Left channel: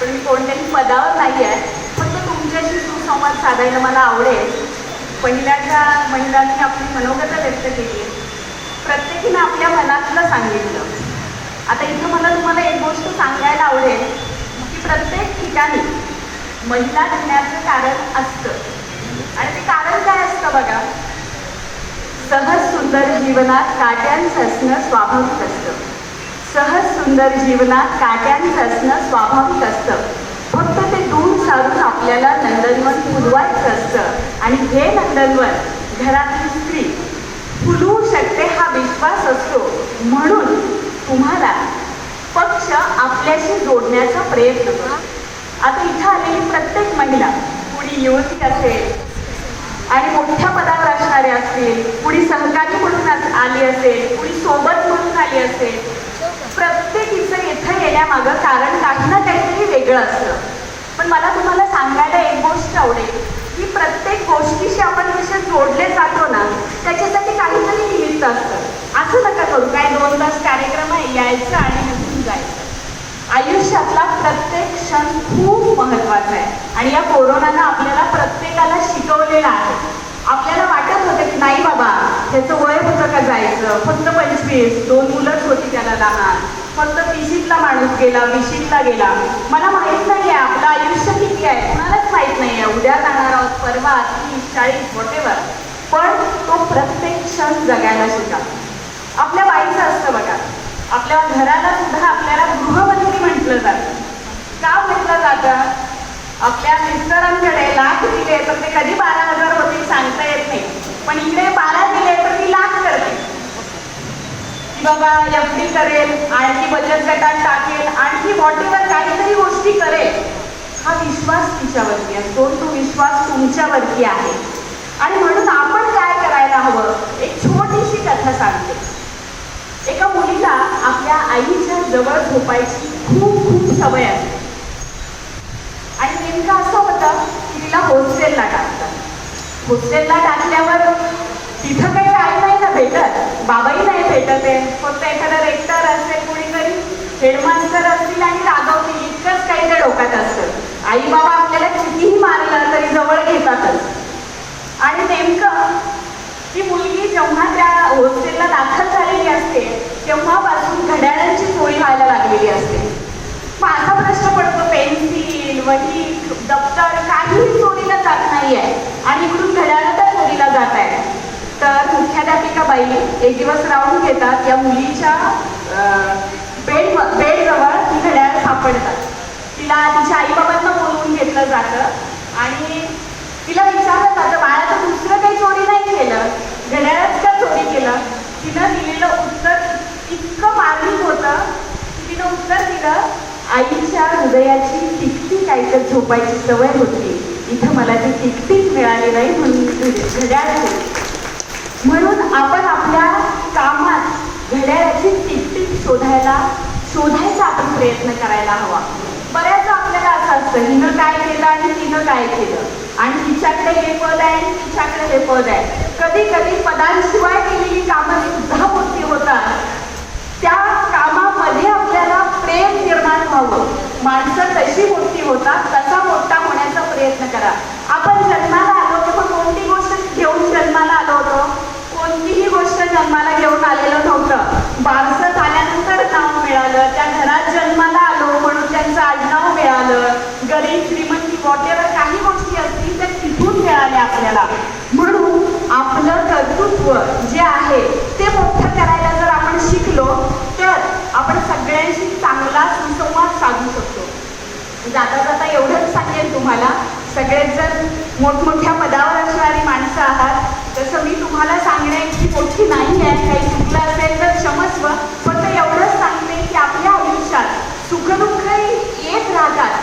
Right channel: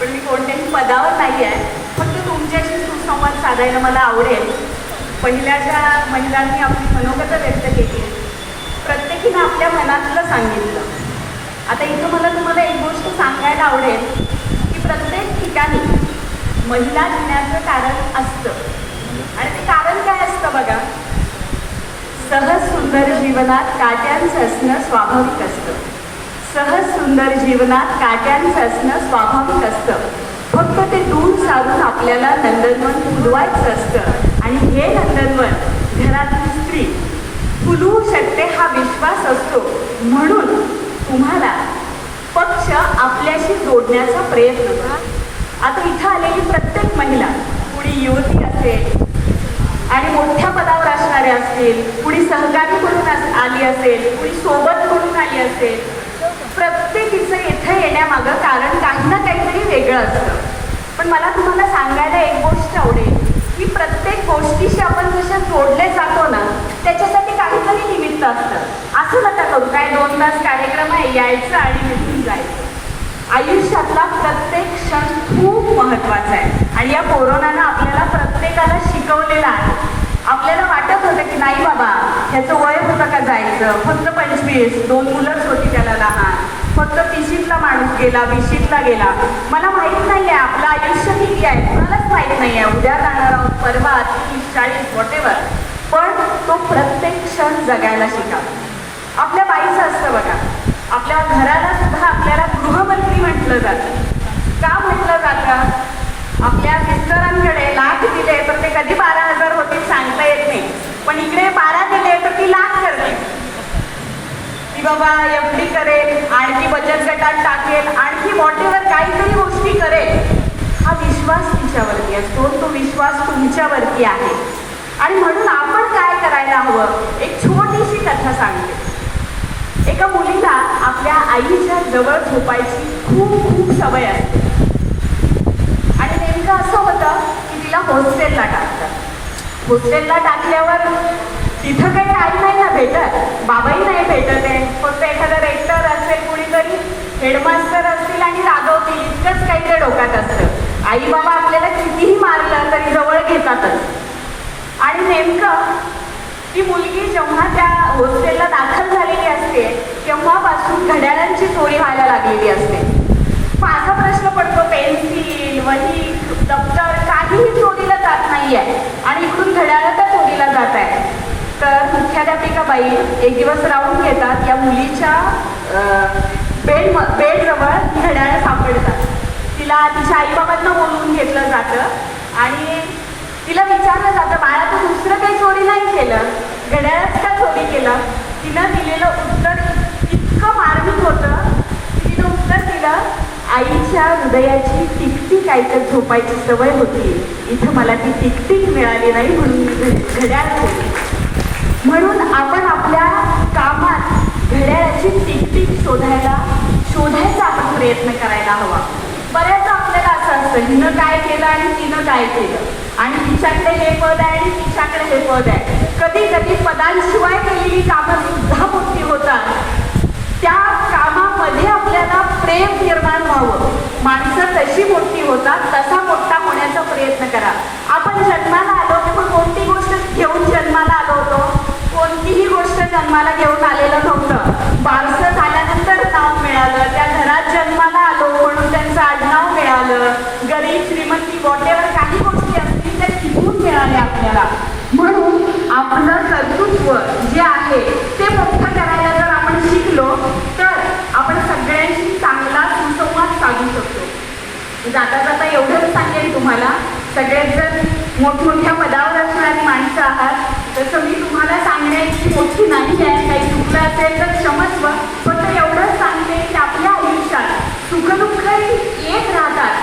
पण मी कोणत्याही पदावर नाही आहे. फक्त तुमच्याशी सुसंवाद साधायला मला आवडेल. पहिल्याच्या महिलांनी आपली मनोगत व्यक्त केली आहे. प्रत्येकीने आपल्या मनातलं सांगितलं. आता इथं मला तुम्हाला एक गोष्ट सांगायला आवडेल की प्रत्येक ठिकाणी महिला घेण्याचं कारण असतं. आणि ते कारण काय असतं बघा? सहज सुंदर जीवनात काट्यांचं असणं स्वाभाविक असतं. सुंदर जीवनात काट्यांचं असणं स्वाभाविक असतं. फक्त ते दूर सारून आपल्याला नंदनवन फुलवायचं असतं. आणि हे नंदनवन घरातली स्त्री फुलवू शकते हा विश्वास असतो. म्हणून तुम्हाला पक्ष आपल्याशी जोडण्याचा प्रयत्न करा. आता इथं आलेली प्रत्येक महिला कुणी युवती असेल आणि मोठ्या पदावर असणारे असतील कुणी सहकारी म्हणून आली असेल कुणी सोबत म्हणून आली असेल प्रत्येकीचं इथं येण्यामागं कारण काही ना काहीतरी वेगळं असतं पण मला तुम्हाला सांगायला एक गोष्ट आवडेल. की प्रत्येक गोष्टीशी आपण जसे जोडले जातो ना त्याच्यासाठी काहीतरी निमित्त असतं. असं नका करू. काय दोन तास कार्यक्रम आहे यायचं आणि निघून जायचं. आयुष्यातला प्रत्येक क्षण खूप महत्त्वाचा आहे. आणि या कोरोनानं आपल्याला प्रत्येकाला शिकवलेलं आहे. आपल्याला वाटत होतं की नाही बाबा ह्याचं वय होतं का जायचं? फक्त पंचवीस दोन मुलंच होती त्याला लहान. फक्त तिशीतला माणूस गेला विशीतला गेला. मला माहीत नाही आहे आपलं ठीक आहे कुणालाच माहीत नाही आहे उद्या जाणार आहोत परवा तीस चाळीस वॉटेवर पण तो प्रत्येक क्षण जगायला शिका. आपल्या बाईचं असतं बघा. आपल्या घराला सुद्धा आपल्याला गृहमंत्री म्हटलं जातं. का म्हटलं जातं? आपल्या मिस्टरांकडे लाख दिले तर ते कधी बारा हजार होतील सांगता येत नाही. पण इकडे बारा दिले तर ती लाख करते. की बाबा एफ डी करेल आणखी बचत गटात टाकेल आणखी वॉटेवर काहीतरी गोष्टी करेल. तुमच्यावरती असतो तो विश्वास तुमच्यावरती आहे. आणि म्हणून आपण काय करायला हवं? एक छोटीशी कथा सांगते. एका मुलीला आपल्या आईच्या जवळ झोपायची खूप खूप सवय असते. आणि नेमकं असं होतं की तिला हॉस्टेलला टाकतात. हॉस्टेलला टाकल्यावर तिथं काही आई नाही ना भेटत? बाबाही नाही भेटत आहे. फक्त एखादा रेक्टर असेल कुणीतरी हेडमास्टर असतील आणि रागवतील. इतकंच काही त्या डोक्यात असतं. आई बाबा आपल्याला कितीही मारलं तरी जवळ घेतातच. आणि नेमकं ती मुलगी जेव्हा त्या हॉस्टेलला दाखल झालेली असते तेव्हापासून घड्याळांची चोरी व्हायला लागलेली असते. माझा प्रश्न पडतो पेन्सिल वही दप्तर काहीही चोरीला जात नाहीये आणि इकडून घड्याळ तर चोरीला जात आहे. तर मुख्याध्यापिका बाई एक दिवस राहून घेतात या मुलीच्या बेड बेडजवळ ती घड्याळ सापडतात. तिला तिच्या आईबाबांना बोलवून घेतलं जातं. आणि तिला विचारलं जातं बाळा तू दुसरं काही चोरी नाही केलं. घड्याळच का चोरी केलं. तिनं दिलेलं उत्तर इतकं मार्मिक होतं. तिनं उत्तर दिलं आईच्या हृदयाची टिकटिक ऐकत झोपायची सवय होती. इथं मला ती टिकटिक मिळाली नाही म्हणून घड्याळ होती. म्हणून आपण आपल्या कामात घड्याळाची टिकटिक शोधायला शोधायचा आपण प्रयत्न करायला हवा. असतं हिनं काय केलं आणि तिनं काय केलं? आणि तिच्याकडे हे पद आहे आणि तिच्याकडे हे पद आहे कधी कधी पदांशिवाय केलेली कामं सुद्धा मोठी होतात त्या कामामध्ये आपल्याला प्रेम निर्माण व्हावं माणसं तशी मोठी होतात तसा मोठा होण्याचा प्रयत्न करा आपण जन्माला आलो तेव्हा कोणती गोष्ट घेऊन जन्माला आलो होतो कोणतीही गोष्ट जन्माला घेऊन आलेलं नव्हतं बारसं झाल्यानंतर नाव मिळालं त्या घरात जन्माला आलो म्हणून त्यांचं आडनाव मिळालं गरीब श्रीमंती वॉटेवर काही गोष्टी असतील त्या तिथून मिळाल्या आपल्याला. म्हणून आपलं कर्तृत्व जे आहे ते मोठं करायला जर आपण शिकलो तर आपण सगळ्यांशी चांगला सुसंवाद साधू शकतो. जाता जाता एवढंच सांगेन तुम्हाला सगळेच जर मोठमोठ्या पदावर असणारी माणसं आहात तसं मी तुम्हाला सांगण्याची मोठी नाही आहे काही चुकलं असेल तर क्षमस्व फक्त एवढंच सांगते की आपल्या आयुष्यात सुखदुःख येत राहतात.